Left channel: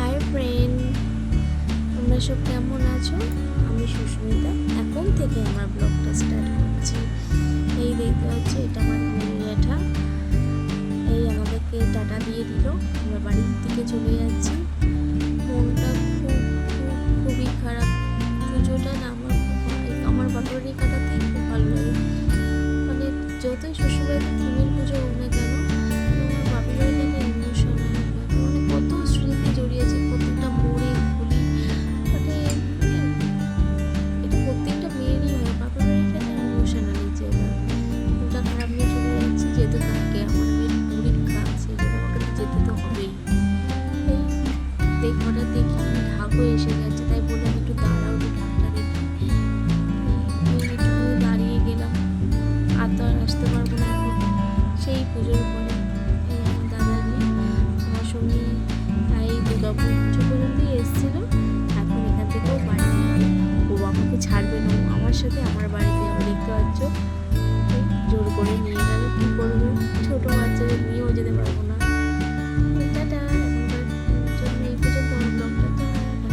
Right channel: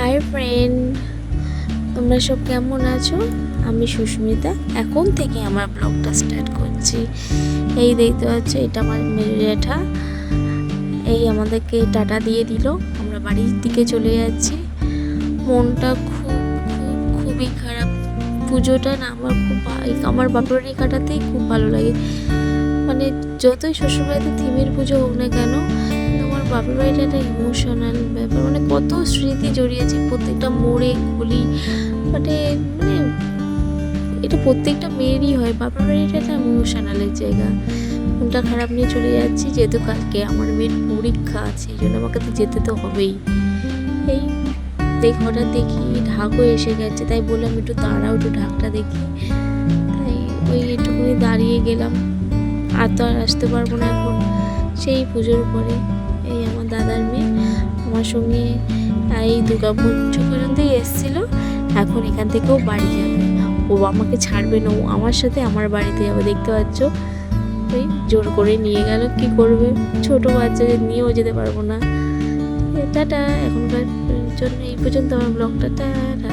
Hi friend, তোমরা সব কেমন আছো? আমি সুস্মিতা এখন থেকে আমার ব্লগটা স্টার্ট করছি। এই দেখতে পাচ্ছ, এটা আমার মেয়ে জ্যাঠা। এই আমাদেরকে টাটা দিয়ে দিল, আমরা বাড়ির দিকে চলে যাচ্ছি। মনটা খুবই খারাপ। পুজোটা না আমার বাপের বাড়ি কাটাতেই খুব ভালো লাগে। মানে যতই শ্বশুরবাড়িতে থিমের পুজো হোক না কেন, আমার বাপের বাড়িটা একটা ইমোশনাল ব্যাপার। মানে কত স্মৃতি জড়িয়েছে প্রত্যেকটা মোড়ে গলি। মানে মানে এটা প্রত্যেকটা মেয়েরই হয়। বাপের বাড়িটা একটা ইমোশনালের জায়গা। মনটা খারাপ নিয়ে চলে যাচ্ছি, যেহেতু কালকে আমার মেয়ের পরীক্ষা আছে, এই জন্য আমাকে তো যেতে তো হবেই। হঠাৎ দেখি ঢাকও এসে গেছে, তাই বললাম একটু দাঁড়াও, একটু ঢাকটা দেখি। তাই ওই একটুখানি দাঁড়িয়ে গেলাম। আর তো আর আসতে পারবো না এখন, সেই পুজোর পরে। এই আমার দাদার মেয়ে আমার সঙ্গে এই দুর্গা পুজো পর্যন্তই এসেছিলো। এখন এখান থেকেও বাড়ি যাবে, ও আমাকে ছাড়বে না, ও আমার সাথে আমার বাড়িতে যাবে। দেখতে পাচ্ছ, ওই জোর করে নিয়ে গেল। কি করবে, ছোট বাচ্চাদের নিয়েও যেতে পারবো না। টাটা, এখনকার জন্য এই পর্যন্ত আমার ব্লগটা। টাটা।